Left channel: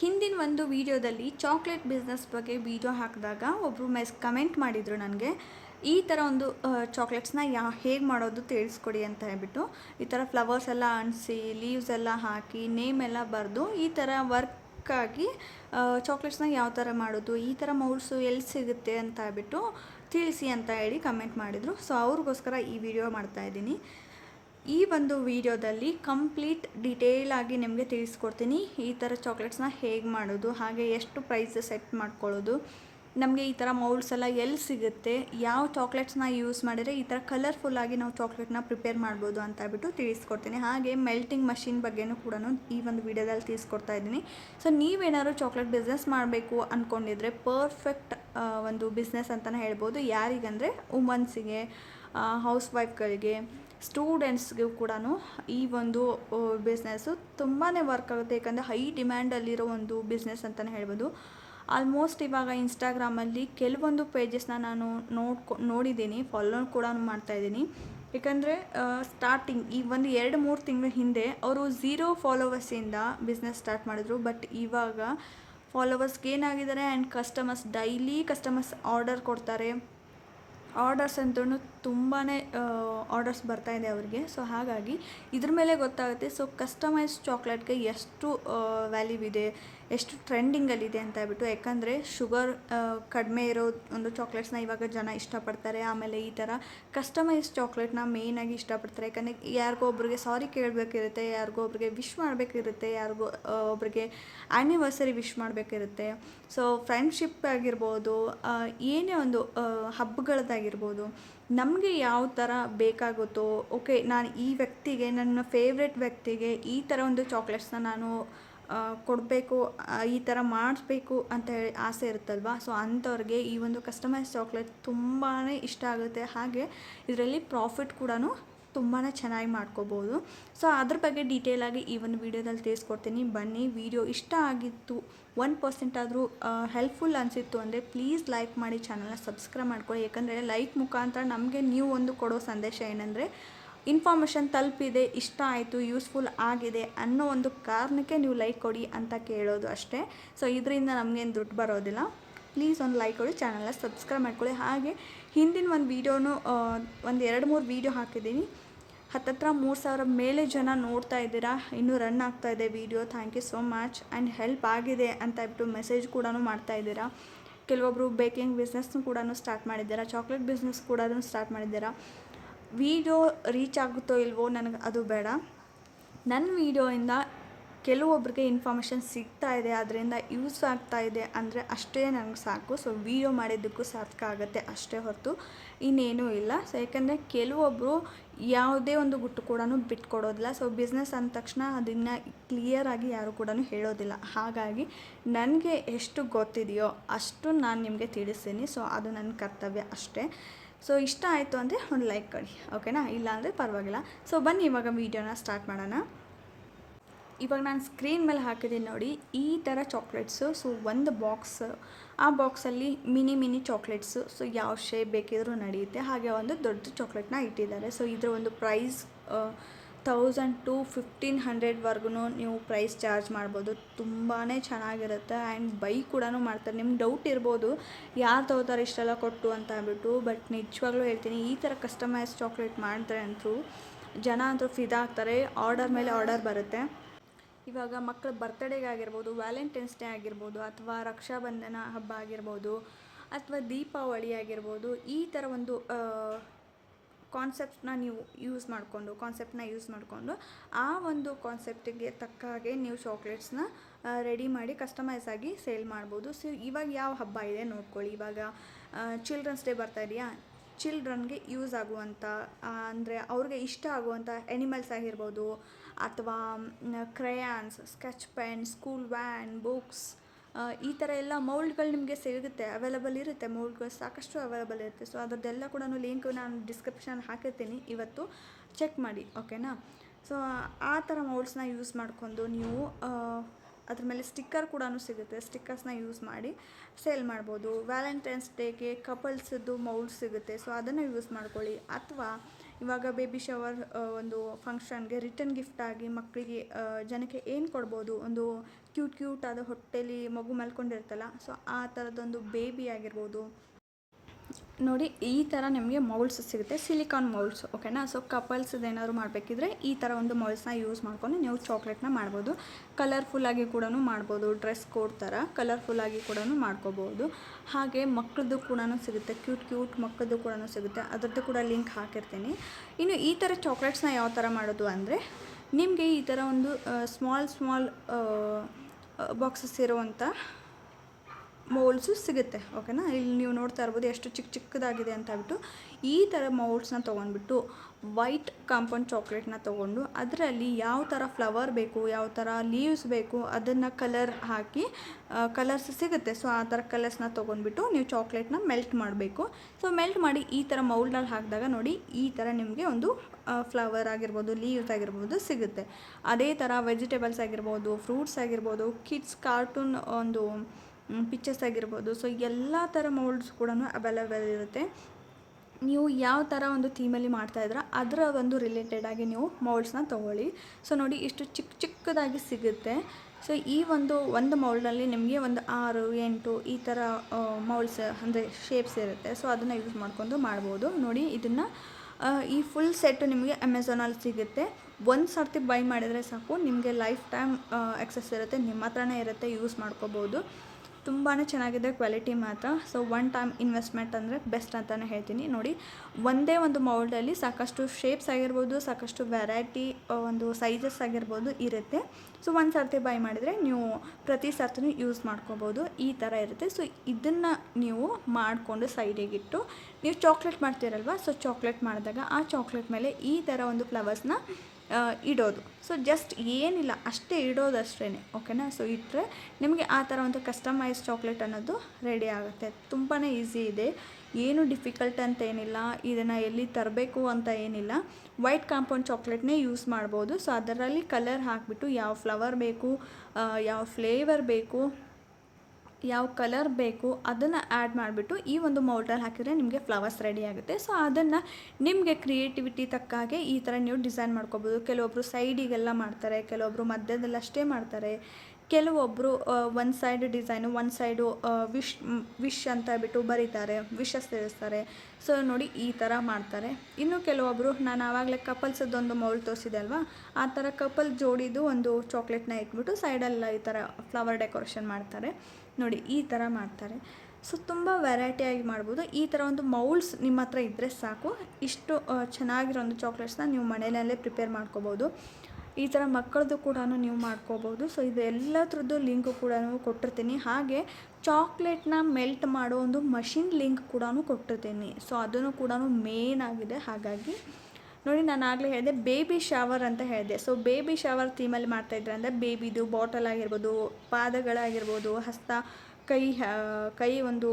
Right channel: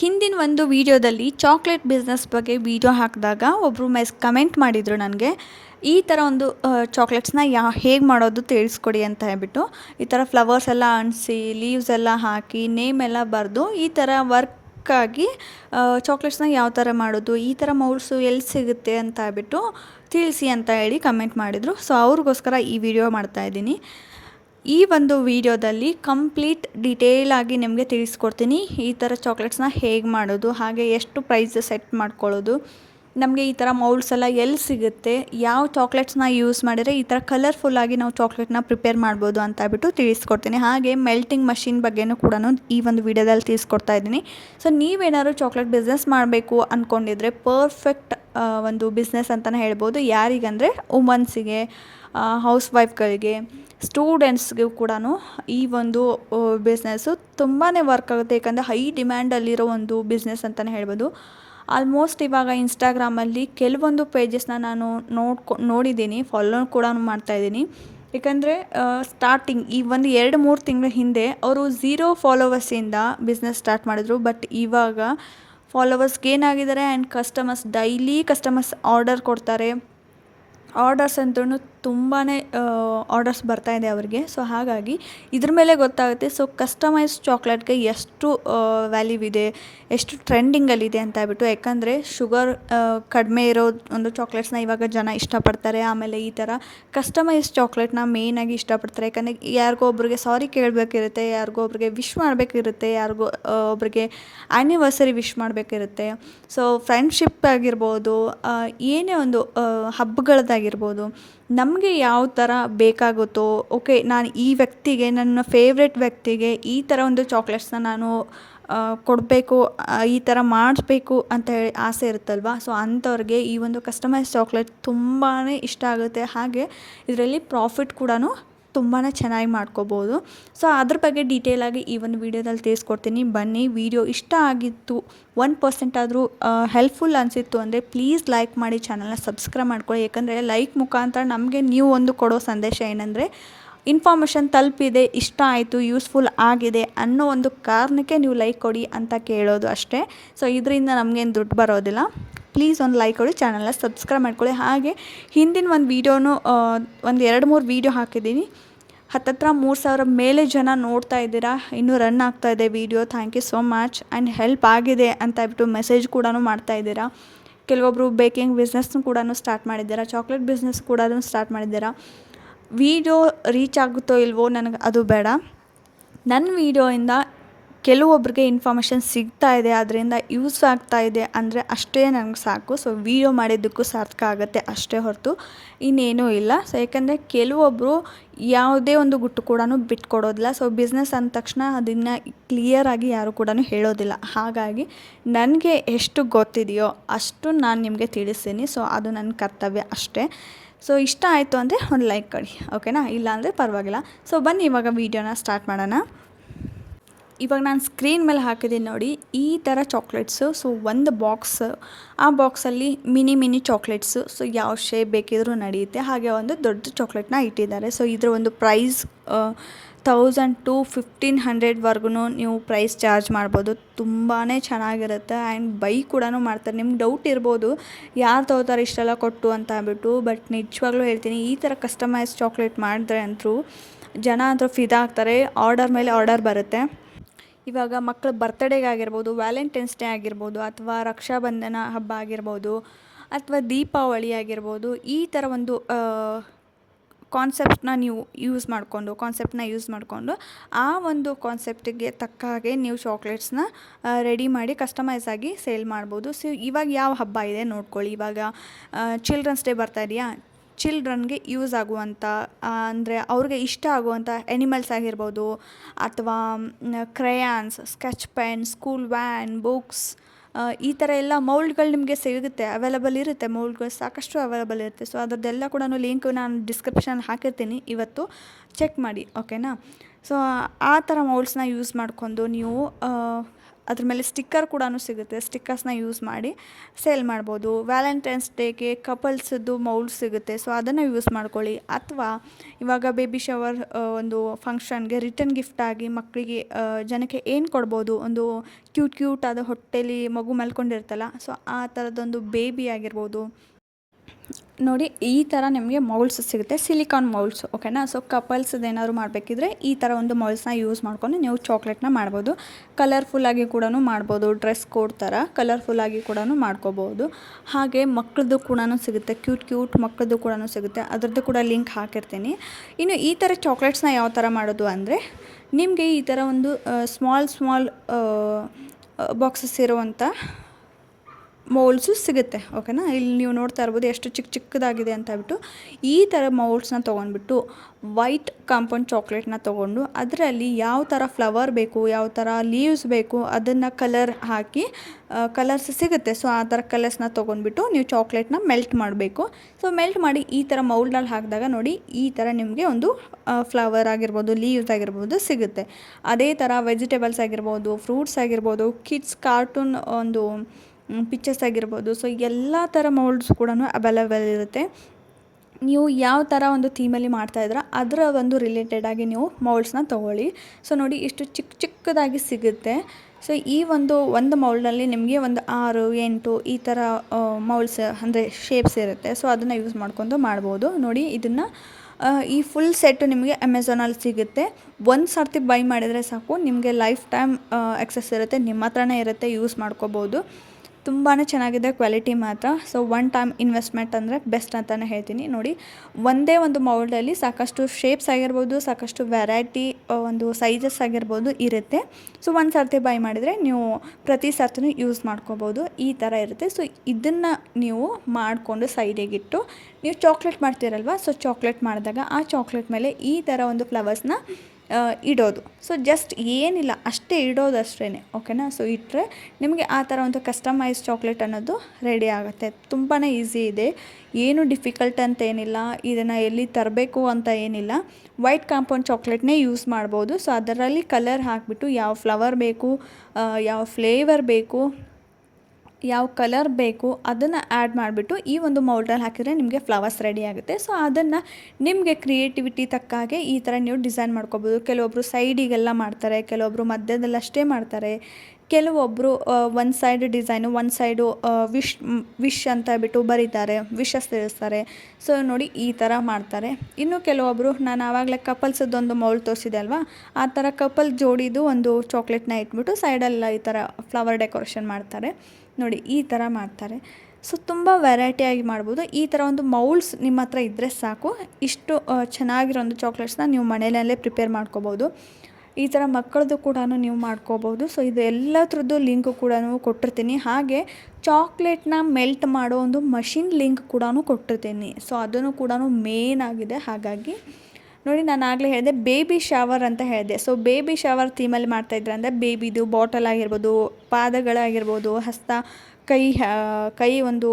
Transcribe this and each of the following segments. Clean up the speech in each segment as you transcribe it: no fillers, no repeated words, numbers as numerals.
ಹಿಂದಿನ ಒಂದು ವೀಡಿಯೋದಲ್ಲಿ ಚಾಕ್ಲೇಟ್ ಬಿಸ್ನೆಸ್ ಬಗ್ಗೆ ವೀಡಿಯೋ ಹಾಕಿದಾಗ ಒಬ್ಬರು ಕಮೆಂಟ್ ಮಾಡಿದರು ನನಗೆ, ಈ ಥರ ಒಂದು ಚಾಕ್ಲೇಟ್ಸ್ನ ಹೇಗೆ ಮಾಡೋದು ತಿಳಿಸ್ಕೊಡಿ ಅಂತ ಹೇಳ್ಬಿಟ್ಟು. ಈ ಥರ ಫ್ಲವರ್ಸ್ ಎಲ್ಲ ಅಂಟಿಸಿ ಲೀವ್ಸ್ ಎಲ್ಲ ಹಾಕಿ ನೇಮ್ ಎಲ್ಲ ಬರೆದು ಈ ಥರ ವರ್ಕಾಗಿ ಚಾಕ್ಲೇಟ್ಸ್ನ ಯಾವ ಥರ ಮಾಡೋದು, ಈ ಥರ ಮೌಲ್ಡ್ಸು ಎಲ್ಲಿ ಸಿಗುತ್ತೆ ಅಂತ ಹೇಳ್ಬಿಟ್ಟು ತಿಳಿಸಿ ಅಂತ ಹೇಳಿ ಕಮೆಂಟ್ ಮಾಡಿದರು. ಸೊ ಅವ್ರಿಗೋಸ್ಕರ ಈ ವಿಡಿಯೋ ಮಾಡ್ತಾಯಿದ್ದೀನಿ. ಈ ಒಂದು ವಿಡಿಯೋದಲ್ಲಿ ಕಂಪ್ಲೀಟ್ ಡೀಟೇಲಾಗಿ ನಿಮಗೆ ತಿಳಿಸ್ಕೊಡ್ತೀನಿ ಈ ಥರ ಚಾಕ್ಲೇಟ್ಸ್ನ ಹೇಗೆ ಮಾಡೋದು, ಹಾಗೆ ಎಷ್ಟು ಪ್ರೈಸ್ ಸೆಟ್ ಮಾಡ್ಕೊಳ್ಳೋದು, ನಮಗೆ ಈ ಥರ ಮೌಲ್ಡ್ಸ್ ಎಲ್ಲ ಎಲ್ಲಿ ಸಿಗುತ್ತೆ, ಯಾವ ಚಾಕ್ಲೇಟ್ಸ್ನ ಯೂಸ್ ಮಾಡಿದರೆ ಈ ಥರ ಕಲರ್ಫುಲ್ಲಾಗಿ ನಾವು ಚಾಕ್ಲೇಟ್ನ ಪ್ರಿಪೇರ್ ಮಾಡ್ಬೋದು ಅಂತ ಹೇಳ್ಬಿಟ್ಟು ತಿಳಿಸ್ಕೊಡ್ತೀನಿ. ಹಾಗೆ ಮೆಲ್ಟಿಂಗ್ ಮಷಿನ್ ಬಗ್ಗೆನೂ ಕೂಡ ಈ ಒಂದು ವಿಡಿಯೋದಲ್ಲಿ ತಿಳಿಸ್ಕೊಡ್ತಾ ಇದ್ದೀನಿ. ಸೊ ನೀವೇನಾದ್ರು ಚಾಕ್ಲೇಟ್ ಬಿಸ್ನೆಸ್ ಮಾಡಬೇಕು ಅಂದ್ಕೊಂಡಿದ್ರೆ ಪರ್ಫೆಕ್ಟ್ ಒಂದು ಬಿಸ್ನೆಸ್ ಅಂತಲೇ ಹೇಳ್ಬೋದು. ಯಾರಿಗಂದರೆ ವುಮನ್ಸಿಗೆ, ಹೌಸ್ ವೈಫ್ಗಳಿಗೆ, ಸ್ಟೂಡೆಂಟ್ಸ್ಗೂ ಕೂಡ ಈ ಒಂದು ಬಿಸ್ನೆಸ್ಸು ತುಂಬಾ ವರ್ಕ್ ಆಗುತ್ತೆ. ಯಾಕಂದರೆ ಹೈ ಡಿಮ್ಯಾಂಡಲ್ಲಿರೋ ಒಂದು ಬಿಸ್ನೆಸ್ ಅಂತಲೇ ಹೇಳ್ಬೋದು. ಆಲ್ಮೋಸ್ಟ್ ಇವಾಗ ಇನ್ಸ್ಟಾಗ್ರಾಮಲ್ಲಿ ಕೆಲವೊಂದು ಪೇಜಸ್ನ ನಾನು ನೋಡಿದ್ದೀನಿ, ಫಾಲೋ ಕೂಡ ಮಾಡ್ತಾಯಿದ್ದೀನಿ. ಯಾಕಂದರೆ ಸ್ಟಾರ್ಟಿಂಗ್ ಈ ಒಂದು 2-3 ತಿಂಗಳ ಹಿಂದೆ ಅವರು 0 ಫಾಲೋವರ್ಸಿಂದ ಬಿಸ್ನೆಸ್ ಸ್ಟಾರ್ಟ್ ಮಾಡಿದ್ರು. ಬಟ್ ಇವಾಗ ಫಾಲೋವರ್ಸ್ಗೆ ಏನಾಗಿದ್ದಾರೆ ಆ್ಯಂಡ್ ಡೈಲಿ ಕಸ್ಟಮರ್ಸ್ ಆರ್ಡರ್ ಕೊಡ್ತಾರೆ. ಆರ್ಡರ್ಸ್ ಅಂತೂ ತುಂಬಾ ಆರ್ಡರ್ಸ್ ಬರ್ತಾಯಿದೆ ಅವರಿಗೆ. ಸೊ ಹಾಗಾಗಿ ಇದ್ರ ಮೇಲೆ ಗೊತ್ತಾಗುತ್ತೆ ಸೊ ಕಸ್ಟಮೈಸ್ ಚಾಕ್ಲೇಟ್ಗೆ ಎಷ್ಟು ವ್ಯಾಲ್ಯೂ ಇದೆ, ಎಷ್ಟು ಟ್ರೆಂಡಿಂಗಲ್ಲಿದೆ ಅಂತ ಹೇಳ್ಬಿಟ್ಟು. ಯಾಕಂದರೆ ಶುಗರ್ ಕಡಿಮೆ ಇರೋ ಒಂದು ಚಾಕ್ಲೇಟ್ಸ್ನ ಇವಾಗ ಜನ ಇಷ್ಟಪಡ್ತಾರೆ. ಆಮೇಲೆ ಈ ಥರ ಕಸ್ಟಮೈಸ್ ಚಾಕ್ಲೇಟ್ನ ಮೇಯ್ನಾಗಿ ಇಷ್ಟಪಡ್ತಾರೆ. ಯಾಕಂದರೆ ಯಾರಿಗೋ ಒಬ್ರಿಗೆ ಸಾರಿ ಕೇಳಬೇಕಿರುತ್ತೆ, ಯಾರಿಗೋ ಒಬ್ರಿಗೆ ವಿಶ್ ಮಾಡಬೇಕಿರುತ್ತೆ, ಯಾರಿಗೋ ಒಬ್ರಿಗೆ ಆ್ಯನಿವರ್ಸರಿ ವಿಶ್ ಮಾಡಬೇಕಿರುತ್ತೆ. ಸೊ ಫ್ರೆಂಡ್ಶಿಪ್ ಆಗಿರ್ಬೋದು, ಏನೇ ಒಂದು ಹಬ್ಬಗಳದ್ದಾಗಿರ್ಬೋದು, ನಮಗೆ ಯಾವ ಥರ ಬೇಕಾಗುತ್ತೋ, ಓಕೆ ನಾನು ಈ ವ್ಯಕ್ತಿಗೆ, ನನ್ನ ಫೇವ್ರೆಟ್ ವ್ಯಕ್ತಿಗೆ ಈ ಥರ ಒಂದು ಚಾಕ್ಲೇಟ್ಸ್ನ ನಾನು ಕೊಡಬೇಕು, ಈ ಥರ ಮಾಡಿಸ್ಬೇಕು ಅಂತ ಹೇಳಿ ಆಸೆ ಇರುತ್ತಲ್ವ. ಸೊ ಅಂಥವ್ರಿಗೆ ಈ ಒಂದು ಕಸ್ಟಮೈಸ್ ಚಾಕ್ಲೇಟ್ ತುಂಬಾ ಇಷ್ಟ ಆಗುತ್ತೆ. ಹಾಗೆ ಇದರಲ್ಲಿ ಪ್ರಾಫಿಟ್ ಕೂಡ ತುಂಬಾ ಚೆನ್ನಾಗಿ ಮಾಡ್ಕೋಬೋದು. ಸೊ ಅದ್ರ ಬಗ್ಗೆ ಡೀಟೇಲಾಗಿ ಈ ಒಂದು ವೀಡಿಯೋದಲ್ಲಿ ತಿಳಿಸ್ಕೊಡ್ತೀನಿ. ಬನ್ನಿ, ವಿಡಿಯೋ ಇಷ್ಟ ಆಗಿತ್ತು, 1% ಆದರೂ ಹೆಲ್ಪ್ಫುಲ್ ಅನಿಸಿತ್ತು ಅಂದರೆ ಪ್ಲೀಸ್ ಲೈಕ್ ಮಾಡಿ, ಚಾನಲ್ನ ಸಬ್ಸ್ಕ್ರೈಬ್ ಮಾಡ್ಕೊಳ್ಳಿ. ಯಾಕಂದರೆ ಲೈಕ್ ಮುಖಾಂತರ ನಮಗೆ ನೀವು ಒಂದು ಕೊಡೋ ಸಂದೇಶ ಏನಂದರೆ ಇನ್ಫಾರ್ಮೇಷನ್ ತಲುಪಿದೆ, ಇಷ್ಟ ಆಯಿತು, ಯೂಸ್ಫುಲ್ ಆಗಿದೆ ಅನ್ನೋ ಒಂದು ಕಾರಣಕ್ಕೆ ನೀವು ಲೈಕ್ ಕೊಡಿ ಅಂತ ಕೇಳೋದು ಅಷ್ಟೇ. ಸೊ ಇದರಿಂದ ನಮಗೇನು ದುಡ್ಡು ಬರೋದಿಲ್ಲ. ಪ್ಲೀಸ್ ಒಂದು ಲೈಕ್ ಕೊಡಿ, ಚಾನಲ್ನ ಸಬ್ಸ್ಕ್ರೈಬ್ ಮಾಡ್ಕೊಳ್ಳಿ. ಹಾಗೆ ಹಿಂದಿನ ಒಂದು ವೀಡಿಯೋನು ಒಂದು 2-3 ವೀಡಿಯೋ ಹಾಕಿದ್ದೀನಿ. ಹತ್ತತ್ರ 3,000 ಮೇಲೆ ಜನ ನೋಡ್ತಾ ಇದ್ದೀರಾ. ಇನ್ನೂ ರನ್ ಆಗ್ತಾಯಿದೆ video. Thank you so much. And help ಆಗಿದೆ ಅಂತ ಹೇಳ್ಬಿಟ್ಟು ಮೆಸೇಜ್ ಕೂಡ ಮಾಡ್ತಾಯಿದ್ದೀರಾ. ಕೆಲವೊಬ್ಬರು ಬೇಕಿಂಗ್ ಬಿಸ್ನೆಸ್ನು ಕೂಡ ಸ್ಟಾರ್ಟ್ ಮಾಡಿದ್ದೀರಾ, ಚಾಕ್ಲೇಟ್ ಬಿಸ್ನೆಸ್ ಕೂಡ ಸ್ಟಾರ್ಟ್ ಮಾಡಿದ್ದೀರಾ. ವೀಡಿಯೋ ರೀಚ್ ಆಗುತ್ತೋ ಇಲ್ವೋ ನನಗೆ ಅದು ಬೇಡ. ನನ್ನ ವೀಡಿಯೋಯಿಂದ ಕೆಲವೊಬ್ರಿಗೆ ಇನ್ಫಾರ್ಮೇಷನ್ ಸಿಗ್ತಾ ಇದೆ, ಅದರಿಂದ ಯೂಸ್ ಆಗ್ತಾ ಇದೆ ಅಂದರೆ ಅಷ್ಟೇ ನನಗೆ ಸಾಕು. ಸೊ ವೀಡಿಯೋ ಮಾಡಿದ್ದಕ್ಕೂ ಸಾರ್ಥಕ ಆಗುತ್ತೆ ಅಷ್ಟೇ ಹೊರತು ಇನ್ನೇನೂ ಇಲ್ಲ. ಸೊ ಯಾಕಂದರೆ ಕೆಲವೊಬ್ಬರು ಯಾವುದೇ ಒಂದು ಗುಟ್ಟು ಕೂಡ ಬಿಟ್ಕೊಡೋದಿಲ್ಲ. ಸೊ ಬಿಸ್ನೆಸ್ ಅಂದ ತಕ್ಷಣ ಅದನ್ನು ಕ್ಲಿಯರಾಗಿ ಯಾರು ಕೂಡ ಹೇಳೋದಿಲ್ಲ. ಹಾಗಾಗಿ ನನಗೆ ಎಷ್ಟು ಗೊತ್ತಿದೆಯೋ ಅಷ್ಟು ನಾನು ನಿಮಗೆ ತಿಳಿಸ್ತೀನಿ. ಸೊ ಅದು ನನ್ನ ಕರ್ತವ್ಯ ಅಷ್ಟೇ. ಸೊ ಇಷ್ಟ ಆಯಿತು ಅಂದರೆ ಒಂದು ಲೈಕ್ ಕೊಡಿ, ಓಕೆನಾ? ಇಲ್ಲಾಂದರೆ ಪರವಾಗಿಲ್ಲ. ಸೊ ಬನ್ನಿ ಇವಾಗ ವೀಡಿಯೋನ ಸ್ಟಾರ್ಟ್ ಮಾಡೋಣ. ಇವಾಗ ನಾನು ಸ್ಕ್ರೀನ್ ಮೇಲೆ ಹಾಕಿದ್ದೀನಿ ನೋಡಿ, ಈ ಥರ ಚಾಕ್ಲೇಟ್ಸು. ಸೊ ಒಂದು ಬಾಕ್ಸ್, ಆ ಬಾಕ್ಸಲ್ಲಿ ಮಿನಿ ಚಾಕ್ಲೇಟ್ಸು. ಸೊ ಯಾವ ಶೇಪ್ ಬೇಕಿದ್ರೂ ನಡೆಯುತ್ತೆ. ಹಾಗೆ ಒಂದು ದೊಡ್ಡ ಚಾಕ್ಲೇಟ್ನ ಇಟ್ಟಿದ್ದಾರೆ. ಸೊ ಇದರ ಒಂದು ಪ್ರೈಸ್ 1000 to 1500ವರೆಗೂ ನೀವು ಪ್ರೈಸ್ ಚಾರ್ಜ್ ಮಾಡ್ಬೋದು. ತುಂಬಾ ಚೆನ್ನಾಗಿರುತ್ತೆ. ಆ್ಯಂಡ್ ಬೈ ಕೂಡ ಮಾಡ್ತಾರೆ. ನಿಮ್ಗೆ ಡೌಟ್ ಇರ್ಬೋದು ಯಾರು ತೊಗೋತಾರೆ ಇಷ್ಟೆಲ್ಲ ಕೊಟ್ಟು ಅಂತ ಹೇಳ್ಬಿಟ್ಟು. ಬಟ್ ನಿಜವಾಗ್ಲೂ ಹೇಳ್ತೀನಿ, ಈ ಥರ ಕಸ್ಟಮೈಸ್ ಚಾಕ್ಲೇಟ್ ಮಾಡಿದ್ರೆ ಅಂತೂ ಜನ ಅಂತೂ ಫಿದಾ ಆಗ್ತಾರೆ. ಆರ್ಡರ್ ಮೇಲೆ ಆರ್ಡರ್ ಬರುತ್ತೆ. ಇವಾಗ ಮಕ್ಕಳ ಬರ್ತ್ಡೇಗೆ ಆಗಿರ್ಬೋದು, ವ್ಯಾಲೆಂಟೈನ್ಸ್ ಡೇ ಆಗಿರ್ಬೋದು, ಅಥವಾ ರಕ್ಷಾಬಂಧನ ಹಬ್ಬ ಆಗಿರ್ಬೋದು, ಅಥವಾ ದೀಪಾವಳಿ ಆಗಿರ್ಬೋದು, ಈ ಥರ ಒಂದು ಕಾನ್ಸೆಪ್ಟನ್ನ ಯೂಸ್ ಮಾಡಿಕೊಂಡು ಆ ಒಂದು ಕಾನ್ಸೆಪ್ಟಿಗೆ ತಕ್ಕ ಹಾಗೆ ನೀವು ಚಾಕ್ಲೇಟ್ಸ್ನ ರೆಡಿ ಮಾಡಿ ಕಸ್ಟಮೈಸ್ ಆಗಿ ಸೇಲ್ ಮಾಡ್ಬೋದು. ಸೊ ಇವಾಗ ಯಾವ ಹಬ್ಬ ಇದೆ ನೋಡ್ಕೊಳ್ಳಿ. ಇವಾಗ ಚಿಲ್ಡ್ರನ್ಸ್ ಡೇ ಬರ್ತಾ ಇದೆಯಾ, ಚಿಲ್ಡ್ರನ್ಗೆ ಯೂಸ್ ಆಗುವಂಥ ಅಂದರೆ ಅವ್ರಿಗೆ ಇಷ್ಟ ಆಗುವಂಥ ಎನಿಮಲ್ಸ್ ಆಗಿರ್ಬೋದು, ಅಥವಾ crayons, sketch pen, school van, books, ಈ ಥರ ಎಲ್ಲ ಮೌಲ್ಡ್ಗಳು ನಿಮಗೆ ಸಿಗುತ್ತೆ, ಅವೈಲಬಲ್ ಇರುತ್ತೆ. ಮೌಲ್ಡ್ಗಳು ಸಾಕಷ್ಟು ಅವೈಲಬಲ್ ಇರುತ್ತೆ. ಸೊ ಅದರದ್ದೆಲ್ಲ ಕೂಡ ಲಿಂಕ್ ನಾನು ಡಿಸ್ಕ್ರಿಪ್ಷನ್ ಹಾಕಿರ್ತೀನಿ, ಇವತ್ತು ಚೆಕ್ ಮಾಡಿ, ಓಕೆನಾ? ಸೊ ಆ ಥರ ಮೌಲ್ಡ್ಸ್ನ ಯೂಸ್ ಮಾಡ್ಕೊಂಡು ನೀವು ಅದ್ರ ಮೇಲೆ ಸ್ಟಿಕ್ಕರ್ ಕೂಡ ಸಿಗುತ್ತೆ. ಸ್ಟಿಕ್ಕರ್ಸ್ನ ಯೂಸ್ ಮಾಡಿ ಸೇಲ್ ಮಾಡ್ಬೋದು. ವ್ಯಾಲೆಂಟೈನ್ಸ್ ಡೇಗೆ ಕಪಲ್ಸದ್ದು ಮೌಲ್ಡ್ ಸಿಗುತ್ತೆ, ಸೊ ಅದನ್ನು ಯೂಸ್ ಮಾಡ್ಕೊಳ್ಳಿ. ಅಥವಾ ಇವಾಗ ಬೇಬಿ ಶವರ್ ಒಂದು ಫಂಕ್ಷನ್ಗೆ ರಿಟರ್ನ್ ಗಿಫ್ಟಾಗಿ ಮಕ್ಕಳಿಗೆ ಜನಕ್ಕೆ ಏನು ಕೊಡ್ಬೋದು, ಒಂದು ಕ್ಯೂಟ್ ಆದ ಹೊಟ್ಟೆಲಿ ಮಗು ಮಲ್ಕೊಂಡಿರ್ತಲ್ಲ, ಸೊ ಆ ಥರದ್ದೊಂದು ಬೇಬಿ ಆಗಿರ್ಬೋದು. ನೋಡಿ ಈ ಥರ ನಿಮಗೆ ಮೌಲ್ಡ್ಸ್ ಸಿಗುತ್ತೆ, ಸಿಲಿಕಾನ್ ಮೌಲ್ಡ್ಸ್. ಓಕೆನಾ. ಸೊ ಕಪಲ್ಸ್ದು ಏನಾದ್ರು ಮಾಡಬೇಕಿದ್ರೆ ಈ ಥರ ಒಂದು ಮೌಲ್ಡ್ಸ್ನ ಯೂಸ್ ಮಾಡ್ಕೊಂಡು ನೀವು ಚಾಕ್ಲೇಟ್ನ ಮಾಡ್ಬೋದು. ಕಲರ್ಫುಲ್ಲಾಗಿ ಕೂಡ ಮಾಡ್ಬೋದು, ಡ್ರೆಸ್ ಕೋಡ್ ಥರ ಕಲರ್ಫುಲ್ಲಾಗಿ ಕೂಡ ಮಾಡ್ಕೋಬೋದು. ಹಾಗೆ ಮಕ್ಕಳದ್ದು ಕೂಡ ಸಿಗುತ್ತೆ, ಕ್ಯೂಟ್ ಮಕ್ಕಳದ್ದು ಕೂಡ ಸಿಗುತ್ತೆ, ಅದರದ್ದು ಕೂಡ ಲಿಂಕ್ ಹಾಕಿರ್ತೀನಿ. ಇನ್ನು ಈ ಥರ ಚಾಕ್ಲೇಟ್ಸ್ನ ಯಾವ ಥರ ಮಾಡೋದು ಅಂದರೆ, ನಿಮಗೆ ಈ ಥರ ಒಂದು ಸ್ಮಾಲ್ ಬಾಕ್ಸಸ್ ಇರುವಂಥ ಮೌಲ್ಡ್ಸು ಸಿಗುತ್ತೆ. ಓಕೆನಾ. ಇಲ್ಲಿ ನೀವು ನೋಡ್ತಾ ಇರ್ಬೋದು ಎಷ್ಟು ಚಿಕ್ಕದಾಗಿದೆ ಅಂತ ಹೇಳ್ಬಿಟ್ಟು. ಈ ಥರ ಮೌಲ್ಡ್ಸ್ನ ತೊಗೊಂಡ್ಬಿಟ್ಟು ವೈಟ್ ಕಾಂಪೌಂಡ್ ಚಾಕ್ಲೇಟ್ನ ತೊಗೊಂಡು ಅದರಲ್ಲಿ ಯಾವ ಥರ ಫ್ಲವರ್ ಬೇಕು, ಯಾವ ಥರ ಲೀವ್ಸ್ ಬೇಕು ಅದನ್ನು ಕಲರ್ ಹಾಕಿ, ಕಲರ್ಸ್ ಸಿಗುತ್ತೆ, ಸೊ ಆ ಥರ ಕಲರ್ಸ್ನ ತೊಗೊಂಡ್ಬಿಟ್ಟು ನೀವು ಚಾಕ್ಲೇಟ್ನ ಮೆಲ್ಟ್ ಮಾಡಬೇಕು. ಸೊ ಮೆಲ್ಟ್ ಮಾಡಿ ಈ ಥರ ಮೌಲ್ಡಲ್ಲಿ ಹಾಕಿದಾಗ ನೋಡಿ ಈ ಥರ ನಿಮಗೆ ಒಂದು ಫ್ಲವರ್ ಆಗಿರ್ಬೋದು, ಲೀವ್ಸ್ ಆಗಿರ್ಬೋದು ಸಿಗುತ್ತೆ. ಅದೇ ಥರ ವೆಜಿಟೇಬಲ್ಸ್ ಆಗಿರ್ಬೋದು, ಫ್ರೂಟ್ಸ್ ಆಗಿರ್ಬೋದು, ಕಿಡ್ಸ್ ಕಾರ್ಟೂನ್ ಒಂದು ಪಿಕ್ಚರ್ಸ್ ಆಗಿರ್ಬೋದು, ಸೊ ಎಲ್ಲ ಥರ ಮೌಲ್ಡ್ಸ್ ಕೂಡ ಅವೈಲೇಬಲ್ ಇರುತ್ತೆ. ನೀವು ಯಾವ ಥರ ಒಂದು ಥೀಮಲ್ಲಿ ಮಾಡ್ತಾಯಿದ್ರೆ ಅದರ ಒಂದು ರಿಲೇಟೆಡಾಗಿ ನೀವು ಮೌಲ್ಡ್ಸ್ನ ತೊಗೊಳ್ಳಿ. ಸೊ ನೋಡಿ ಇಷ್ಟು ಚಿಕ್ಕದಾಗಿ ಸಿಗುತ್ತೆ. ಸೊ ಈ ಒಂದು ಮೌಲ್ಡಲ್ಲಿ ನಿಮಗೆ ಒಂದು 6, 8 ಈ ಥರ ಮೌಲ್ಡ್ಸ್ ಅಂದರೆ ಶೇಪ್ಸ್ ಇರುತ್ತೆ. ಸೊ ಅದನ್ನು ಯೂಸ್ ಮಾಡ್ಕೊಂಡು ಮಾಡ್ಬೋದು. ನೋಡಿ ಇದನ್ನು ಈ ಫುಲ್ ಸೆಟ್ಟು ನಿಮಗೆ ಅಮೆಝಾನಲ್ಲಿ ಸಿಗುತ್ತೆ. ಒಂದು ಸರ್ತಿ ಬೈ ಮಾಡಿದರೆ ಸಾಕು, ನಿಮಗೆ ಲೈಫ್ ಟೈಮ್ ಎಕ್ಸೆಸ್ ಇರುತ್ತೆ, ನಿಮ್ಮ ಹತ್ರನೇ ಇರುತ್ತೆ, ಯೂಸ್ ಮಾಡ್ಕೋಬೋದು. ತುಂಬಾ ಚೆನ್ನಾಗಿದೆ ಕ್ವಾಲಿಟಿ ಮಾತ್ರ. ಸೊ ಒನ್ ಟೈಮ್ ಇನ್ವೆಸ್ಟ್ಮೆಂಟ್ ಅಂದರೆ ಬೆಸ್ಟ್ ಅಂತಲೇ ಹೇಳ್ತೀನಿ. ನೋಡಿ ಒಂದೇ ಒಂದು ಮೌಲ್ಡಲ್ಲಿ ಸಾಕಷ್ಟು ಶೇಪ್ಸ್ ಆಗಿರ್ಬೋದು, ಸಾಕಷ್ಟು ವೆರೈಟಿ ಒಂದು ಸೈಜಸ್ ಆಗಿರ್ಬೋದು ಇರುತ್ತೆ. ಸೊ ಒಂದು ಸರ್ತಿ ಬೈ ಮಾಡಿದರೆ ನೀವು ಪ್ರತಿ ಸರ್ತಿನೂ ಯೂಸ್ ಮಾಡ್ಕೋಬೋದು. ಈ ಥರ ಇರುತ್ತೆ. ಸೊ ಇದನ್ನು ನೀವು ಮಾಡಿಕೊಂಡು ಸೈಡಿಗಿಟ್ಟು ನೀವು ಚಾಕ್ಲೇಟ್ ಮಾಡ್ತೀರಲ್ವ, ಸೊ ಚಾಕ್ಲೇಟ್ ಮಾಡಿದಾಗ ಆ ಚಾಕ್ಲೇಟ್ ಮೇಲೆ ಈ ಥರ ಒಂದು ಫ್ಲವರ್ಸ್ನ ಇಡೋದು. ಸೊ ಜಸ್ಟ್ ಏನಿಲ್ಲ ಅಷ್ಟೇ ಇಡೋದು ಅಷ್ಟೇ. ಓಕೆನಾ. ಸೊ ಇಟ್ಟರೆ ನಿಮಗೆ ಆ ಥರ ಒಂದು ಕಸ್ಟಮೈಸ್ ಚಾಕ್ಲೇಟ್ ಅನ್ನೋದು ರೆಡಿ ಆಗುತ್ತೆ. ತುಂಬಾ ಈಸಿ ಇದೆ, ಏನು ಡಿಫಿಕಲ್ಟ್ ಅಂತ ಏನಿಲ್ಲ. ಇದನ್ನು ಎಲ್ಲಿ ತರಬೇಕು ಅಂತ ಏನಿಲ್ಲ. ವೈಟ್ ಕಾಂಪೌಂಡ್ ಚಾಕ್ಲೇಟ್ನೇ ಯೂಸ್ ಮಾಡ್ಬೋದು. ಸೊ ಅದರಲ್ಲಿ ಕಲರ್ ಹಾಕಿಬಿಟ್ಟು ಯಾವ ಫ್ಲವರ್ ಬೇಕು, ಯಾವ ಫ್ಲೇವರ್ ಬೇಕು, ಯಾವ ಕಲರ್ ಬೇಕು ಅದನ್ನು ಆ್ಯಡ್ ಮಾಡಿಬಿಟ್ಟು ಈ ಒಂದು ಮೌಲ್ಡಲ್ಲಿ ಹಾಕಿದರೆ ನಿಮಗೆ ಫ್ಲವರ್ಸ್ ರೆಡಿ ಆಗುತ್ತೆ. ಸೊ ಅದನ್ನು ನಿಮಗೆ ಕ್ರಿಯೇಟಿವಿಟಿ ತಕ್ಕ ಹಾಗೆ ಈ ಥರ ನೀವು ಡಿಸೈನ್ ಮಾಡ್ಕೋಬೋದು. ಕೆಲವೊಬ್ಬರು ಸೈಡಿಗೆಲ್ಲ ಮಾಡ್ತಾರೆ, ಕೆಲವೊಬ್ಬರು ಮಧ್ಯದಲ್ಲಷ್ಟೇ ಮಾಡ್ತಾರೆ, ಕೆಲವೊಬ್ಬರು ಒಂದು ಸೈಡ್ ಡಿಸೈನು, ಒಂದು ಸೈಡು ವಿಶ್ ಅಂತ ಹೇಳ್ಬಿಟ್ಟು ಬರೀತಾರೆ, ವಿಶಸ್ ತಿಳಿಸ್ತಾರೆ. ಸೊ ನೋಡಿ ಈ ಥರ ಮಾಡ್ತಾರೆ. ಇನ್ನು ಕೆಲವೊಬ್ಬರು ನಾನು ಆವಾಗಲೇ ಕಪಲ್ಸದ್ದೊಂದು ಮೌಲ್ಡ್ ತೋರಿಸಿದೆ ಅಲ್ವಾ, ಆ ಥರ ಕಪಲ್ ಜೋಡಿದು ಒಂದು ಚಾಕ್ಲೇಟ್ನ ಇಟ್ಬಿಟ್ಟು ಸೈಡೆಲ್ಲ ಈ ಥರ ಫ್ಲವರ್ ಡೆಕೋರೇಷನ್ ಮಾಡ್ತಾರೆ. ನೋಡಿ ಈ ಥರ ಮಾಡ್ತಾರೆ. ಸೊ ತುಂಬ ವೆರೈಟಿಯಾಗಿ ಮಾಡ್ಬೋದು. ಈ ಥರ ಒಂದು ಮೌಲ್ಡ್ಸ್ ನಿಮ್ಮ ಹತ್ರ ಇದ್ದರೆ ಸಾಕು, ಇಷ್ಟು ಚೆನ್ನಾಗಿರೋ ಒಂದು ಚಾಕ್ಲೇಟ್ಸ್ನ ನೀವು ಮನೆಯಲ್ಲೇ ಪ್ರಿಪೇರ್ ಮಾಡ್ಕೋಬೋದು. ಈ ಥರ ಮಕ್ಕಳದ್ದು ಕೂಡ ನೀವು ಮಾಡ್ಕೋಬೋದು. ಸೊ ಇದು ಎಲ್ಲದ್ರದ್ದು ಲಿಂಕು ಕೂಡ ಕೊಟ್ಟಿರ್ತೀನಿ. ಹಾಗೆ ಚಾಕ್ಲೇಟ್ನ ಮೆಲ್ಟ್ ಮಾಡೋ ಒಂದು ಮಷಿನ್ ಲಿಂಕ್ ಕೂಡ ಕೊಟ್ಟಿರ್ತೀನಿ. ಸೊ ಅದನ್ನು ಕೂಡ ಮೇನ್ ಆಗಿದೆ. ಹಾಗಾಗಿ ನೋಡಿ ನಾನು ಆಗಲೇ ಹೇಳಿದೆ ಬೇಬಿ ಶವರ್ ಅಂತ ಹೇಳಿದೆ. ಸೊ ಬೇಬಿ ಶವರ್ ಥೀಮಲ್ಲಿ ಮಾಡ್ತಾಯಿದ್ರೆ ಅಂದರೆ ಬೇಬಿದು ಬಾಟಲ್ ಆಗಿರ್ಬೋದು, ಪಾದಗಳಾಗಿರ್ಬೋದು, ಹಸ್ತ, ಕೈ ಒಂದು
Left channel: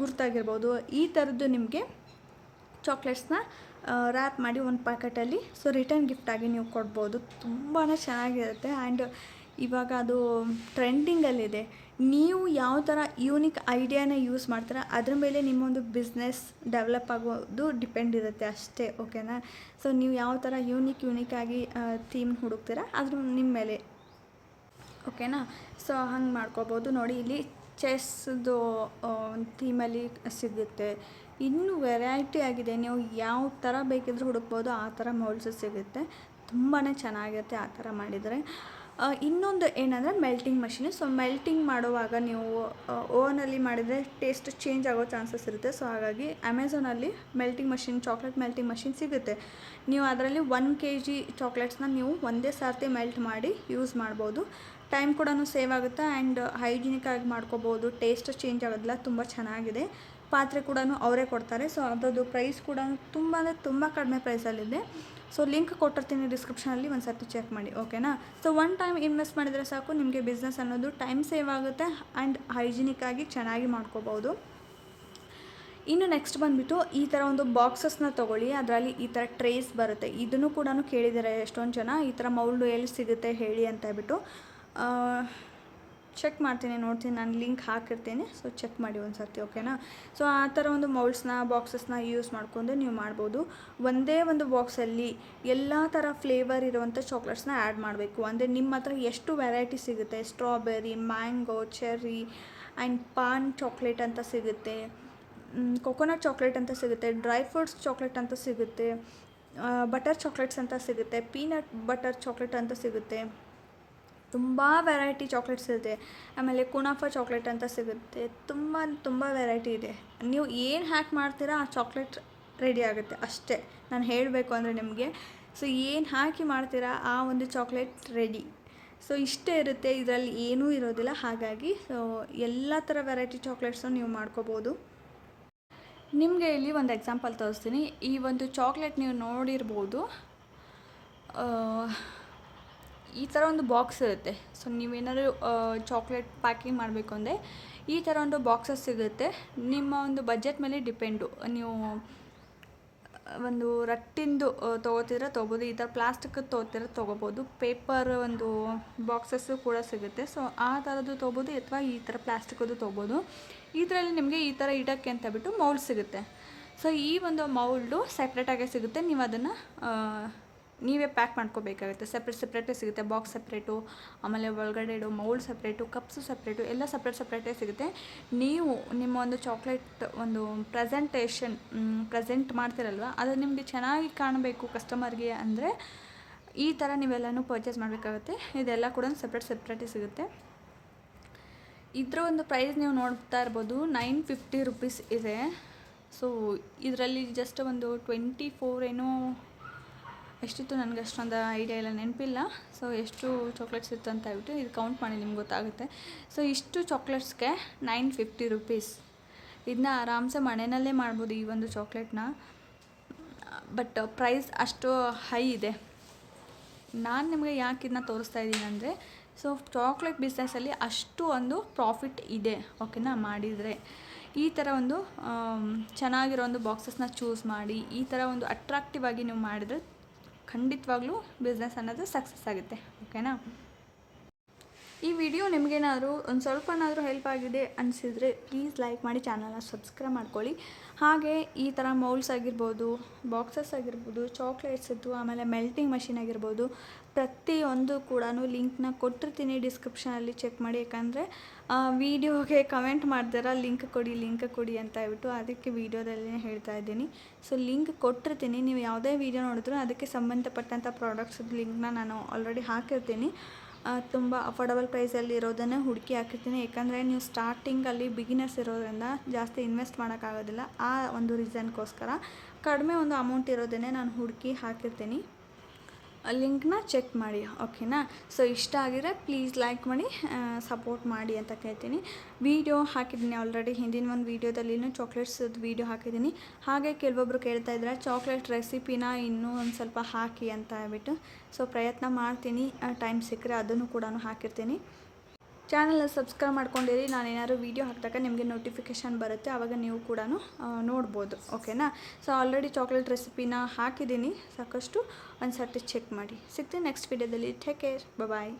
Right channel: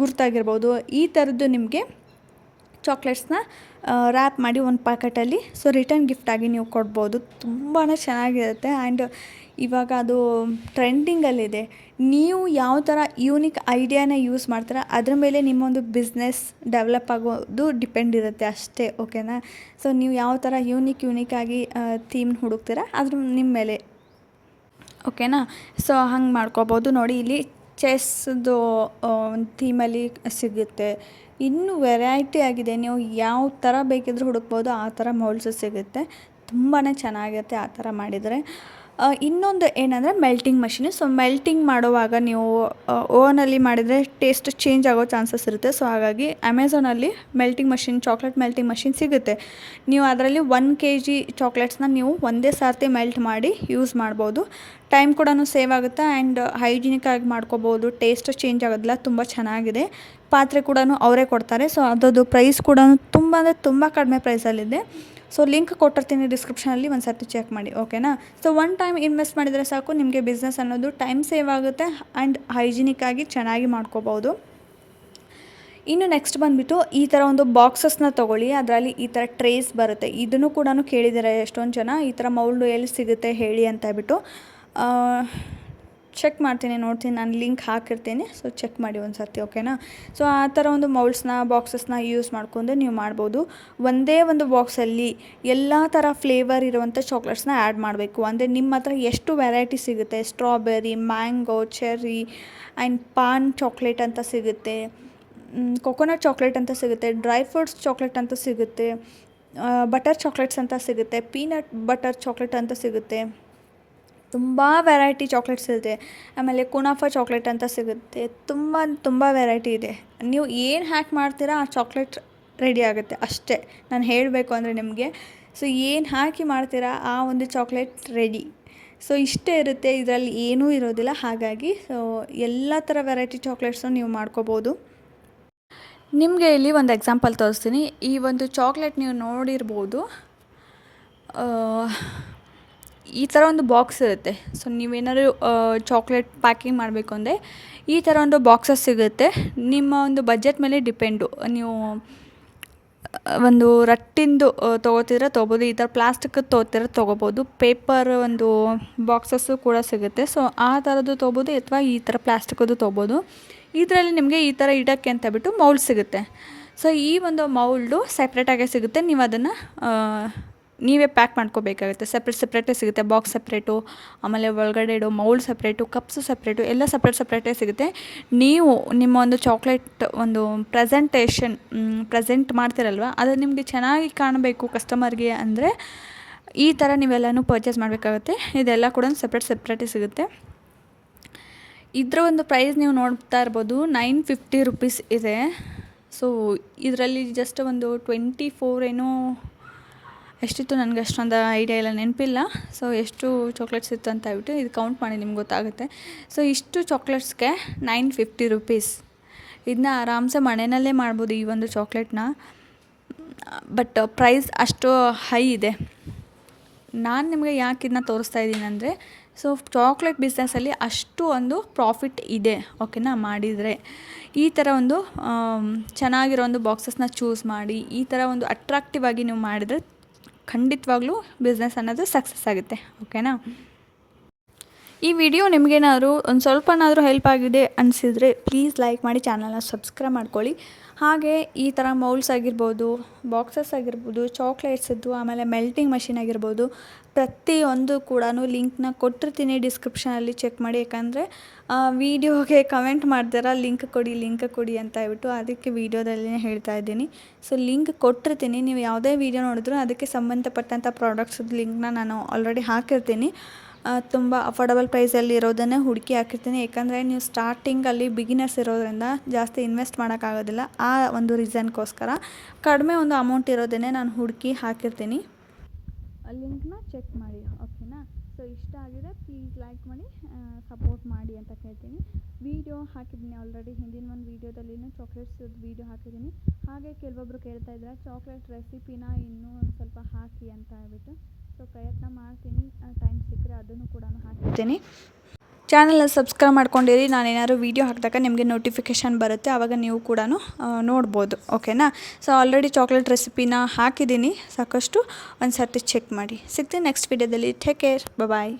ಗುರುತಾಗಿರ್ಬೋದು, ಈ ಥರದ್ದು ನಿಮಗೆ ಚಾಕ್ಲೇಟ್ಸ್ನ ರ್ಯಾಪ್ ಮಾಡಿ ಒಂದು ಪ್ಯಾಕೆಟಲ್ಲಿ ಸೊ ರಿಟರ್ನ್ ಗಿಫ್ಟಾಗಿ ನೀವು ಕೊಡ್ಬೋದು. ತುಂಬಾ ಚೆನ್ನಾಗಿರುತ್ತೆ. ಆ್ಯಂಡ್ ಇವಾಗ ಅದು ಟ್ರೆಂಡಿಂಗಲ್ಲಿದೆ. ನೀವು ಯಾವ ಥರ ಯೂನಿಕ್ ಐಡಿಯಾನ ಯೂಸ್ ಮಾಡ್ತೀರಾ ಅದ್ರ ಮೇಲೆ ನಿಮ್ಮೊಂದು ಬಿಸ್ನೆಸ್ ಡೆವಲಪ್ ಆಗೋದು ಡಿಪೆಂಡ್ ಇರುತ್ತೆ ಅಷ್ಟೇ. ಓಕೆನಾ. ಸೊ ನೀವು ಯಾವ ಥರ ಯೂನಿಕಾಗಿ ಥೀಮ್ ಹುಡುಕ್ತೀರಾ ಅದ್ರ ನಿಮ್ಮ ಮೇಲೆ. ಓಕೆನಾ. ಸೊ ಹಂಗೆ ಮಾಡ್ಕೋಬೋದು. ನೋಡಿ ಇಲ್ಲಿ ಚೆಸ್ದು ಒಂದು ಥೀಮಲ್ಲಿ ಸಿಗುತ್ತೆ. ಇನ್ನೂ ವೆರೈಟಿ ಆಗಿದೆ, ನೀವು ಯಾವ ಥರ ಬೇಕಿದ್ರೂ ಹುಡುಕ್ಬೋದು, ಆ ಥರ ಮೌಲ್ಡ್ಸು ಸಿಗುತ್ತೆ. ತುಂಬಾ ಚೆನ್ನಾಗಿರುತ್ತೆ ಆ ಥರ ಮಾಡಿದರೆ. ಇನ್ನೊಂದು ಏನಂದರೆ ಮೆಲ್ಟಿಂಗ್ ಮಷಿನ್. ಸೊ ಮೆಲ್ಟಿಂಗ್ ಮಾಡುವಾಗ ನೀವು ಓವನಲ್ಲಿ ಮಾಡಿದರೆ ಟೇಸ್ಟ್ ಚೇಂಜ್ ಆಗೋ ಚಾನ್ಸಸ್ ಇರುತ್ತೆ. ಸೊ ಹಾಗಾಗಿ ಅಮೆಝಾನಲ್ಲಿ melting machine, chocolate melting machine ಸಿಗುತ್ತೆ. ನೀವು ಅದರಲ್ಲಿ 1 kg ಚಾಕ್ಲೇಟ್ಸ್ನ ನೀವು ಒಂದೇ ಸರ್ತಿ ಮೆಲ್ಟ್ ಮಾಡಿ ಯೂಸ್ ಮಾಡ್ಬೋದು. ಟೈಮ್ ಕೂಡ ಸೇವ್ ಆಗುತ್ತೆ ಆ್ಯಂಡ್ ಹೈಜಿನಿಕಾಗಿ ಮಾಡ್ಕೋಬೋದು. ಟೇಸ್ಟ್ ಚೇಂಜ್ ಆಗೋದಿಲ್ಲ. ತುಂಬ ಚೆನ್ನಾಗಿದೆ. ಪಾತ್ರೆ ಕೂಡ ಅವರೇ ಕೊಡ್ತಾರೆ. ಸೊ ಅದರದ್ದು ಪ್ರೈಸ್ ಕೂಡ ತುಂಬ ಅಂದರೆ ತುಂಬ ಕಡಿಮೆ ಪ್ರೈಸಲ್ಲಿದೆ. ಸೊ ಲಿಂಕ್ ಕೊಟ್ಟಿರ್ತೀನಿ ಡಿಸ್ಕ್ರಿಪ್ಷನಲ್ಲಿ, ಒಂದು ಸರ್ತಿ ಚೆಕ್ ಮಾಡಿ. ಓಕೆನಾ. ಸೊ ಒನ್ ಟೈಮ್ ಇನ್ವೆಸ್ಟ್ ಮಾಡಿದರೆ ಸಾಕು, ನಿಮಗೆ ಬಿಸ್ನೆಸ್ ಅನ್ನೋದು ಟೈಮ್ ಸೇವ್ ಆಗುತ್ತೆ ಆ್ಯಂಡ್ ಹೈಜಿನಿಕ್ಕಾಗಿ ಚೆನ್ನಾಗಿ ಮಾಡ್ಕೋಬೋದು. ಇನ್ನು ನೆಕ್ಸ್ಟ್ ಬಂದುಬಿಟ್ಟು ಈ ಥರ ಒಂದು ಬಾಕ್ಸಸ್ನ ತೊಗೊಳ್ಳಿ. ಅದರಲ್ಲಿ ಈ ಥರ ಟ್ರೇಸ್ ಬರುತ್ತೆ. ಇದನ್ನು ಕೂಡ ಕೇಳಿದ್ದಾರೆ ಎಷ್ಟೊಂದು ಜನ, ಈ ಥರ ಮೌಲ್ಡು ಎಲ್ಲಿ ಸಿಗುತ್ತೆ ಹೇಳಿ ಅಂತ ಹೇಳ್ಬಿಟ್ಟು. ಚೆಕ್ ಮಾಡ್ತೀನಿ, ನೋಡ್ತೀನಿ, ನಾನು ಲಿಂಕ್ ಹಾಕಿರ್ತೀನಿ. ಸೊ ಚೆಕ್ ಮಾಡಿ ಒಂದು ಸರ್ತಿ, ಓಕೆನಾ. ಸೊ ಆ ಥರ ಒಂದು ಮೌಲ್ಡ್ಸ್ನ, ಬಾಕ್ಸಸ್ನ ಯೂಸ್ ಮಾಡ್ಕೊಂಡು ನೀವು ಮಾಡ್ಬೋದು. ಒಂದೇ ಒಂದು ಬಾಕ್ಸಲ್ಲಿ ಎಲ್ಲ ಥರ ಫ್ಲೇವರ್ ಇರುವಂಥ ಚಾಕ್ಲೇಟ್ಸ್ನ ಆ್ಯಡ್ ಮಾಡಬೇಕು. ಅಂದರೆ ನಿಮ್ಮ ಹತ್ರ ಎಷ್ಟು ವೆರೈಟಿ ಸಿಗುತ್ತೆ, strawberry, mango, cherry and PAN chocolate ಅಂತ ಸಿಗುತ್ತೆ, ಕೊಕೊನಟ್ ಚಾಕ್ಲೇಟ್ ಅಂತ ಸಿಗುತ್ತೆ, ಡ್ರೈ ಫ್ರೂಟ್ಸ್ ಚಾಕ್ಲೇಟ್ ಅಂತ ಸಿಗುತ್ತೆ, ಬಟರ್ ಚಾಕ್ಲೇಟ್ಸ್ ಅಂತ ಸಿಗುತ್ತೆ, ಪೀನಟ್ ಬಟರ್ ಚಾಕ್ಲೇಟ್ ಅಂತ ಸಿಗುತ್ತೆ, ತುಂಬ ವೆರೈಟಿ ಚಾಕ್ಲೇಟ್ಸ್ ಇದೆ. ಆಮೇಲೆ ಕುನಾಫಾ ಚಾಕ್ಲೇಟ್ ಅಂತ ಸಿಗುತ್ತೆ. ತುಂಬ ವೆರೈಟಿ ಇದೆ. ನೀವು ಏನು ಹ್ಯಾಕ್ ಮಾಡ್ತೀರಾ ಆ ಚಾಕ್ಲೇಟ್ ರೆಡಿ ಆಗುತ್ತೆ ಅಷ್ಟೇ. ನಾನು ಹೇಳಬೇಕು ಅಂದರೆ ನಿಮಗೆ, ಸೊ ಏನು ಹಾಕಿ ಮಾಡ್ತೀರಾ ಆ ಒಂದು ಚಾಕ್ಲೇಟ್ ರೆಡಿ. ಸೊ ಇಷ್ಟೇ ಇರುತ್ತೆ, ಇದರಲ್ಲಿ ಏನೂ ಇರೋದಿಲ್ಲ. ಹಾಗಾಗಿ ಸೊ ಎಲ್ಲ ಥರ ವೆರೈಟಿ ಚಾಕ್ಲೇಟ್ಸು ನೀವು ಮಾಡ್ಕೋಬೋದು. ನಿಮಗೆ ಇಲ್ಲಿ ಒಂದು ಎಕ್ಸಾಂಪಲ್ ತೋರಿಸ್ತೀನಿ. ಈ ಒಂದು ಚಾಕ್ಲೇಟ್ ನೀವು ನೋಡಿರ್ಬೋದು, ಈ ಥರ ಒಂದು ಬಾಕ್ಸ್ ಇರುತ್ತೆ. ಸೊ ನೀವೇನಾದ್ರು ಚಾಕ್ಲೇಟ್ ಪ್ಯಾಕಿಂಗ್ ಮಾಡಬೇಕು ಅಂದರೆ ಈ ಥರ ಒಂದು ಬಾಕ್ಸಸ್ ಸಿಗುತ್ತೆ. ನಿಮ್ಮ ಒಂದು ಬಜೆಟ್ ಮೇಲೆ ಡಿಪೆಂಡು. ನೀವು ಒಂದು ರಟ್ಟಿಂದು ತೊಗೋಬೋದು, ಈ ಥರ ಪ್ಲಾಸ್ಟಿಕ್ಕದ್ದು ತೊಗೋಬೋದು. ಪೇಪರ್ ಒಂದು ಬಾಕ್ಸಸ್ಸು ಕೂಡ ಸಿಗುತ್ತೆ. ಸೊ ಆ ಥರದ್ದು ತೊಗೋಬೋದು, ಅಥವಾ ಈ ಥರ ಪ್ಲಾಸ್ಟಿಕ್ಕದ್ದು ತೊಗೋಬೋದು. ಇದರಲ್ಲಿ ನಿಮಗೆ ಈ ಥರ ಇಡೋಕ್ಕೆ ಅಂತ ಬಿಟ್ಟು ಮೌಲ್ಡ್ ಸಿಗುತ್ತೆ. ಸೊ ಈ ಒಂದು ಮೌಲ್ಡು ಸೆಪ್ರೇಟಾಗೇ ಸಿಗುತ್ತೆ. ನೀವು ಅದನ್ನು ನೀವೇ ಪ್ಯಾಕ್ ಮಾಡ್ಕೋಬೇಕಾಗುತ್ತೆ. ಸಪ್ರೇಟೇ ಸಿಗುತ್ತೆ. ಬಾಕ್ಸ್ ಸಪ್ರೇಟು, ಆಮೇಲೆ ಒಳಗಡೆ ಇಡೋ ಮೌಲ್ಡ್ ಸಪ್ರೇಟು, ಕಪ್ಸು ಸಪ್ರೇಟು, ಎಲ್ಲ ಸಪ್ರೇಟೇ ಸಿಗುತ್ತೆ. ನೀವು ನಿಮ್ಮ ಒಂದು ಚಾಕ್ಲೇಟ್ ಒಂದು ಪ್ರೆಸೆಂಟ್ ಮಾಡ್ತಿರಲ್ವ, ಅದು ನಿಮಗೆ ಚೆನ್ನಾಗಿ ಕಾಣಬೇಕು ಕಸ್ಟಮರ್ಗೆ ಅಂದರೆ ಈ ಥರ ನೀವೆಲ್ಲನೂ ಪರ್ಚೇಸ್ ಮಾಡಬೇಕಾಗುತ್ತೆ. ಇದೆಲ್ಲ ಕೂಡ ಸಪ್ರೇಟೇ ಸಿಗುತ್ತೆ. ಇದರ ಒಂದು ಪ್ರೈಸ್ ನೀವು ನೋಡ್ತಾ ಇರ್ಬೋದು, 950 ರುಪೀಸ್ ಇದೆ. ಸೊ ಇದರಲ್ಲಿ ಜಸ್ಟ್ ಒಂದು 24 ಏನೋ ಎಷ್ಟಿತ್ತು, ನನಗೆ ಅಷ್ಟೊಂದು ಐಡಿಯಾ ಇಲ್ಲ, ನೆನಪಿಲ್ಲ. ಸೊ ಎಷ್ಟು ಚಾಕ್ಲೇಟ್ಸ್ ಇತ್ತು ಅಂತ ಹೇಳ್ಬಿಟ್ಟು ಇದು ಕೌಂಟ್ ಮಾಡಿ ನಿಮ್ಗೆ ಗೊತ್ತಾಗುತ್ತೆ. ಸೊ ಇಷ್ಟು ಚಾಕ್ಲೇಟ್ಸ್ಗೆ 950 ರುಪೀಸ್. ಇದನ್ನ ಆರಾಮ್ಸೆ ಮನೆಯಲ್ಲೇ ಮಾಡ್ಬೋದು ಈ ಒಂದು ಚಾಕ್ಲೇಟ್ನ. ಬಟ್ ಪ್ರೈಸ್ ಅಷ್ಟು ಹೈ ಇದೆ. ನಾನು ನಿಮಗೆ ಯಾಕೆ ಇದನ್ನ ತೋರಿಸ್ತಾ ಇದ್ದೀನಿ ಅಂದರೆ, ಸೊ ಚಾಕ್ಲೇಟ್ ಬಿಸ್ನೆಸ್ಸಲ್ಲಿ ಅಷ್ಟು ಒಂದು ಪ್ರಾಫಿಟ್ ಇದೆ, ಓಕೆನಾ. ಮಾಡಿದರೆ ಈ ಥರ ಒಂದು ಚೆನ್ನಾಗಿರೋ ಒಂದು ಬಾಕ್ಸಸ್ನ ಚೂಸ್ ಮಾಡಿ ಈ ಥರ ಒಂದು ಅಟ್ರಾಕ್ಟಿವ್ ಆಗಿ ನೀವು ಮಾಡಿದರೆ ಖಂಡಿತವಾಗ್ಲೂ ಬಿಸ್ನೆಸ್ ಅನ್ನೋದು ಸಕ್ಸಸ್ ಆಗುತ್ತೆ, ಓಕೆನಾ. ಈ ವಿಡಿಯೋ ನಿಮಗೇನಾದರೂ ಒಂದು ಸ್ವಲ್ಪನಾದರೂ ಹೆಲ್ಪ್ ಆಗಿದೆ ಅನಿಸಿದರೆ ಪ್ಲೀಸ್ ಲೈಕ್ ಮಾಡಿ, ಚಾನಲ್ನ ಸಬ್ಸ್ಕ್ರೈಬ್ ಮಾಡ್ಕೊಳ್ಳಿ. ಹಾಗೆ ಈ ಥರ ಮೌಲ್ಡ್ಸ್ ಆಗಿರ್ಬೋದು, ಬಾಕ್ಸಸ್ ಆಗಿರ್ಬೋದು, ಚಾಕ್ಲೇಟ್ಸದ್ದು, ಆಮೇಲೆ ಮೆಲ್ಟಿಂಗ್ ಮಷಿನ್ ಆಗಿರ್ಬೋದು, ಪ್ರತಿಯೊಂದು ಕೂಡ ಲಿಂಕ್ನ ಕೊಟ್ಟಿರ್ತೀನಿ ಡಿಸ್ಕ್ರಿಪ್ಷನಲ್ಲಿ, ಚೆಕ್ ಮಾಡಿ. ಯಾಕಂದರೆ ವೀಡಿಯೋಗೆ ಕಮೆಂಟ್ ಮಾಡ್ತೀರಾ ಲಿಂಕ್ ಕೊಡಿ ಅಂತ ಹೇಳ್ಬಿಟ್ಟು, ಅದಕ್ಕೆ ವೀಡಿಯೋದಲ್ಲೇ ಹೇಳ್ತಾ ಇದ್ದೀನಿ. ಸೊ ಲಿಂಕ್ ಕೊಟ್ಟಿರ್ತೀನಿ, ನೀವು ಯಾವುದೇ ವೀಡಿಯೋ ನೋಡಿದ್ರೂ ಅದಕ್ಕೆ ಸಂಬಂಧಪಟ್ಟಂಥ ಪ್ರಾಡಕ್ಟ್ಸದ್ದು ಲಿಂಕ್ನ ನಾನು ಆಲ್ರೆಡಿ ಹಾಕಿರ್ತೀನಿ. ತುಂಬ ಅಫೋರ್ಡಬಲ್ ಪ್ರೈಸಲ್ಲಿ ಇರೋದನ್ನೇ ಹುಡುಕಿ ಹಾಕಿರ್ತೀನಿ. ಯಾಕಂದರೆ ನೀವು ಸ್ಟಾರ್ಟಿಂಗಲ್ಲಿ ಬಿಗಿನರ್ಸ್ ಇರೋದ್ರಿಂದ ಜಾಸ್ತಿ ಇನ್ವೆಸ್ಟ್ ಮಾಡೋಕ್ಕಾಗೋದಿಲ್ಲ. ಆ ಒಂದು ರೀಸನ್ಗೋಸ್ಕರ ಕಡಿಮೆ ಒಂದು ಅಮೌಂಟ್ ಇರೋದನ್ನೇ ನಾನು ಹುಡುಕಿ ಹಾಕಿರ್ತೀನಿ. ಲಿಂಕ್ನ ಚೆಕ್ ಮಾಡಿ, ಓಕೆನಾ. ಸೊ ಇಷ್ಟ ಆಗಿದ್ರೆ ಪ್ಲೀಸ್ ಲೈಕ್ ಮಾಡಿ, ಸಪೋರ್ಟ್ ಮಾಡಿ ಅಂತ ಕೇಳ್ತೀನಿ. ವೀಡಿಯೋ ಹಾಕಿದ್ದೀನಿ ಆಲ್ರೆಡಿ, ಹಿಂದಿನ ಒಂದು ವೀಡಿಯೋದಲ್ಲಿನೂ ಚಾಕ್ಲೇಟ್ಸದ್ದು ವೀಡಿಯೋ ಹಾಕಿದ್ದೀನಿ. ಹಾಗೆ ಕೆಲವೊಬ್ಬರು ಕೇಳ್ತಾ ಇದ್ದಾರೆ ಚಾಕ್ಲೇಟ್ ರೆಸಿಪಿನ ಇನ್ನೂ ಒಂದು ಸ್ವಲ್ಪ ಹಾಕಿ ಅಂತ ಹೇಳ್ಬಿಟ್ಟು. ಸೊ ಪ್ರಯತ್ನ ಮಾಡ್ತೀನಿ, ಟೈಮ್ ಸಿಕ್ಕರೆ ಅದನ್ನು ಕೂಡ ಹಾಕಿರ್ತೀನಿ. ಚಾನಲ್ನ ಸಬ್ಸ್ಕ್ರೈಬ್ ಮಾಡ್ಕೊಂಡಿರಿ. ನಾನೇನಾದ್ರು ವೀಡಿಯೋ ಹಾಕಿದಾಗ ನಿಮಗೆ ನೋಟಿಫಿಕೇಷನ್ ಬರುತ್ತೆ, ಆವಾಗ ನೀವು ಕೂಡ ನೋಡ್ಬೋದು, ಓಕೆನಾ. ಸೊ ಆಲ್ರೆಡಿ ಚಾಕ್ಲೇಟ್ ರೆಸಿಪಿನ ಹಾಕಿದ್ದೀನಿ ಸಾಕಷ್ಟು, ಒಂದು ಸರ್ತಿ ಚೆಕ್ ಮಾಡಿ. ಸಿಗ್ತೀನಿ ನೆಕ್ಸ್ಟ್ ವೀಡಿಯೋದಲ್ಲಿ. ಟೇಕ್ ಕೇರ್, ಬಾಯ್.